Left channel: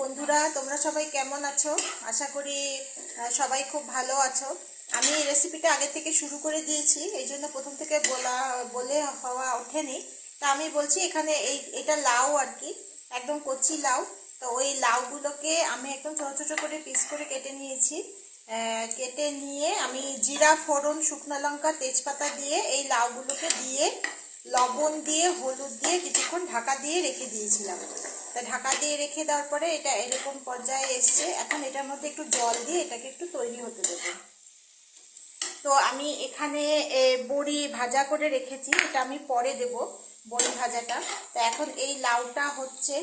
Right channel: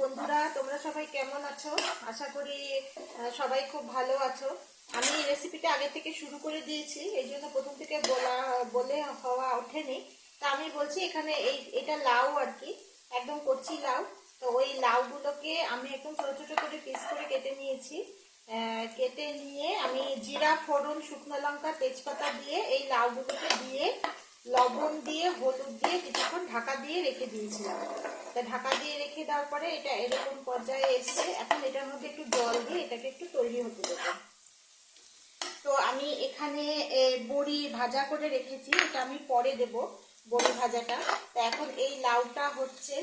বন্ধুরা, তোমরা সবাই কেমন আছো? আশা করি সবাই খুব ভালো আছো। আমি রেসিপিটা আগে থেকে শুরু করে দিয়েছি, এই জন্য প্রথম থেকে বলে হওয়া ওঠেনি। তা আমি বলছি, এখানে এটা লাউ আর কি, একদম কচি লাউ। তো ওই লাউগুলোকে আমি একদম ছোটো ছোটো করে পিস করে কেটে নিয়েছি। কেটে নিয়ে আমি জিরা, ফোড়ন, শুকনো লঙ্কা, তেজপাতা দিয়ে এই লাউগুলোকে দিয়ে লবণ দিয়ে হলুদ দিয়ে কিছুক্ষণ ঢাকা দিয়ে রেখে দিয়েছিলাম। তা ঢাকা দিয়ে রেখে দেওয়ার পরে এটা এরকম পর্যায়ে এসছে। এখন এটার মধ্যে একটু জল দিয়ে এটাকে একটু তৈরি হতে দেবো। তো আমি এখানে বড়ি ভাজা করে রেখেছি, এটা আমি পরে দেব বড়ি ভাজাটা। তো এখন এই লাউটা হচ্ছে,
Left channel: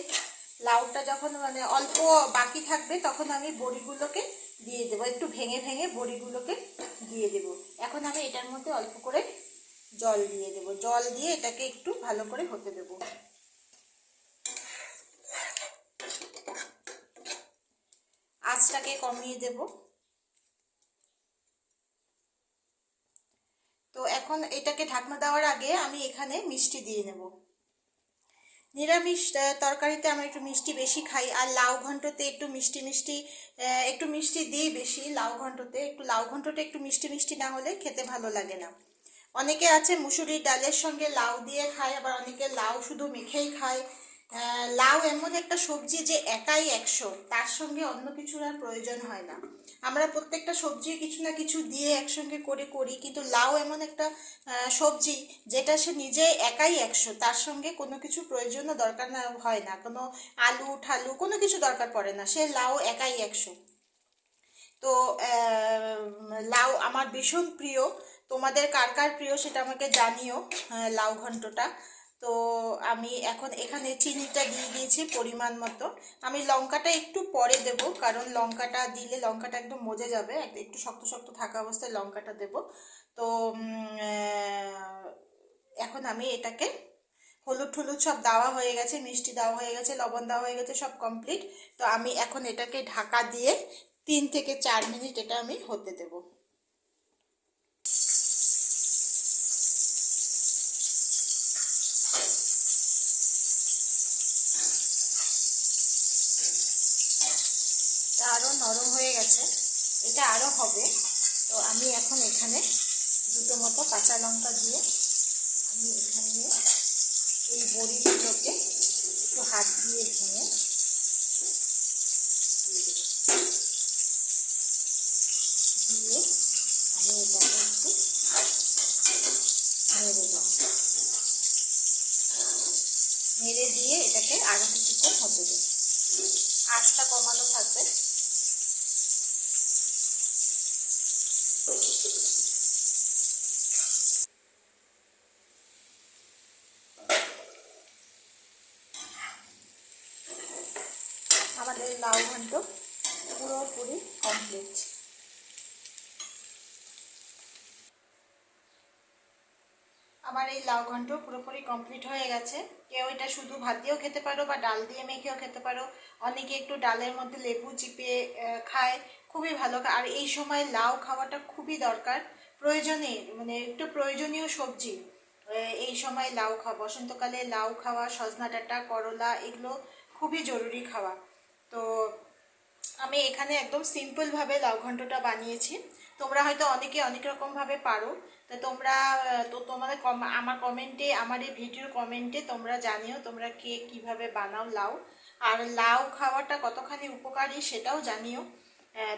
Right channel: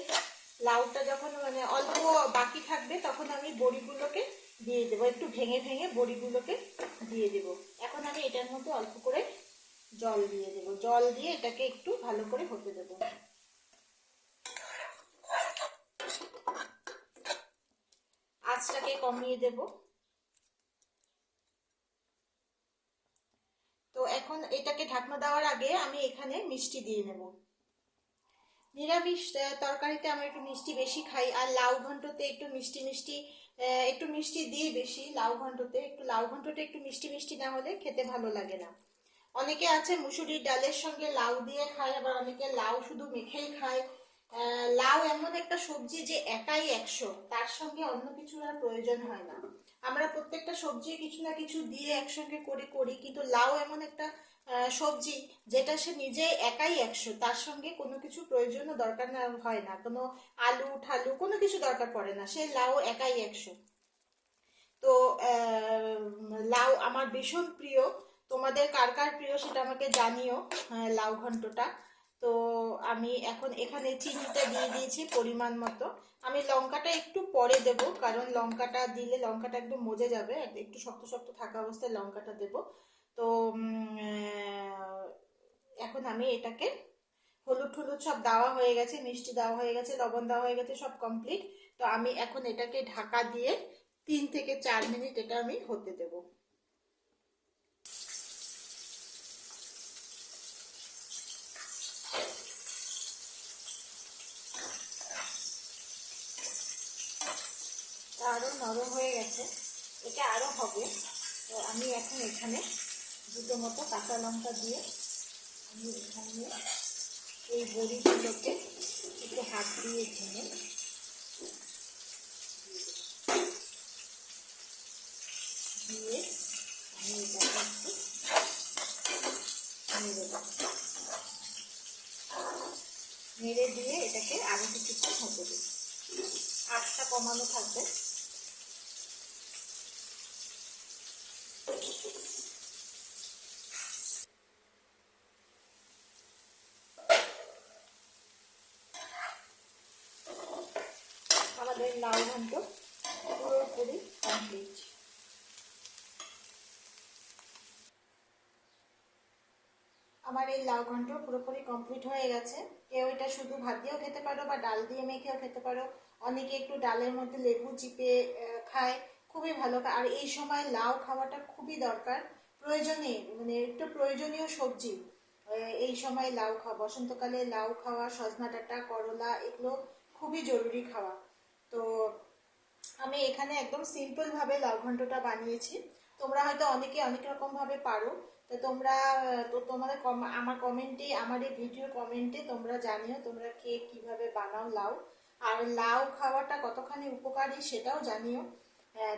লাউটা যখন মানে অল্প বাকি থাকবে তখন আমি বড়িগুলোকে দিয়ে দেবো, একটু ভেঙে ভেঙে বড়িগুলোকে দিয়ে দেব। এখন আমি এটার মধ্যে অল্প করে জল দিয়ে দেব, জল দিয়ে এটাকে একটু ভালো করে হতে দেব। আঁচটাকে কমিয়ে দেব। তো এখন এটাকে ঢাকনা দেওয়ার আগে আমি এখানে মিষ্টি দিয়ে নেব। নিরামিষ তরকারিতে আমরা একটু মিষ্টি বেশি খাই, আর লাউ ঘন্টতে একটু মিষ্টি মিষ্টি, একটু মিষ্টি দিই বেশি। লাউ ঘন্টটা একটু মিষ্টি মিষ্টি না হলে খেতে ভালো লাগে না। অনেকে আছে মুসুরির ডালের সঙ্গে লাউ দিয়ে খায়, আবার অনেকে লাউ শুধু মেখেই খায়। লাউ এমন একটা সবজি যে একাই 100, তার সঙ্গে অন্য কিছুর আর প্রয়োজন হয় না। আমরা প্রত্যেকটা সবজি কিছু না কিছু দিয়ে একসঙ্গে করি, কিন্তু লাউ এমন একটা সবজি যেটা সে নিজে একাই 100, তার সঙ্গে কোনো কিছু প্রয়োজনও দরকার না হয় না, কোনো আলু ঠালু কোনো কিছু দরকার পড়ে না, সে লাউ একাই 100। তো লাউ আমার ভীষণ প্রিয়। তোমাদের কার কার প্রিয় সেটা আমাকে জানিও, লাউ ঘন্টটা। তো আমি এখন এখানে চিনিটা দিয়ে দিয়েছি পরিমাণ মতো। আমি লঙ্কাটা একটু পরে দেব, কারণ লঙ্কাটা দিলে লঙ্কাটা একদম মজে যাবে, একটু শক্ত শক্ত থাকা অবস্থায় লঙ্কাটা দেব। তো এখন আমি এটাকে হলুদ টলুদ সব দেওয়া হয়ে গেছে, মিষ্টি দেওয়া হয়ে গেছে, লবণ দেওয়া হয়ে গেছে, সব কমপ্লিট। তো আমি এখন এটাকে ঢাকা দিয়ে 3 থেকে 4 মিনিট এটা আমি হতে দেব। আরও নরম হয়ে গেছে, এটা আরও হবে। তো আমি এখন এখানে দুটো মতো কাঁচা লঙ্কা দিয়ে আমি এখানে এই বড়িগুলোকে একটু হাত দিয়ে ভেঙে দিয়ে আমি এটাকে একটু নেড়ে দেব। নেড়ে দিয়ে এটাকে আরও কিছুক্ষণ হতে দেব, আঁচটা কমানো থাকবে। আমাদের লাউ ঘন্ট পুরোপুরি কমপ্লিট। আমার এই লাউ ঘন্ট পুরোপুরি কমপ্লিট হয়ে গেছে। কেউ এটা শুধু ভাত দিয়েও খেতে পারো বা ডাল দিয়ে মেখেও খেতে পারো। অনেকে একটু ডালের মধ্যে লেবু চিপে খায়, খুবই ভালো। আর এই সময় লাউ খাওয়াটা খুবই দরকার, প্রয়োজনীয়, মানে একটু প্রয়োজনীয় সবজি। এই সময় লাউ খাওয়া, বসন্তকালে লাউ খাওয়া, সজনা ডাঁটা, করলা, এগুলো খুবই জরুরি খাওয়া। তো আমি এখানে একদম সিম্পলভাবে লাউ ঘন্টটা বানিয়েছি। তোমরা হয়তো অনেকে অনেক রকমভাবে পারো। তো তোমরা তো তোমাদের আমার কমেন্টে, আমার এই ভিডিওর কমেন্টে তোমরা জানিও তোমরা কে কীভাবে বানাও লাউ, আর লাউ খাওয়াটা কতখানি উপকারী সেটাও জানিও।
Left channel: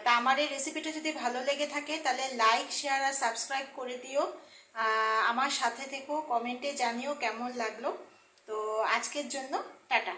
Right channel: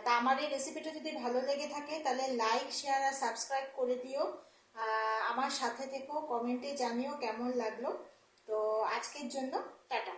তা আমার এই রেসিপিটা যদি ভালো লেগে থাকে তাহলে লাইক, শেয়ার আর সাবস্ক্রাইব করে দিও। আমার সাথে থেকো, কমেন্টে জানিও কেমন লাগলো। তো আজকের জন্য টাটা।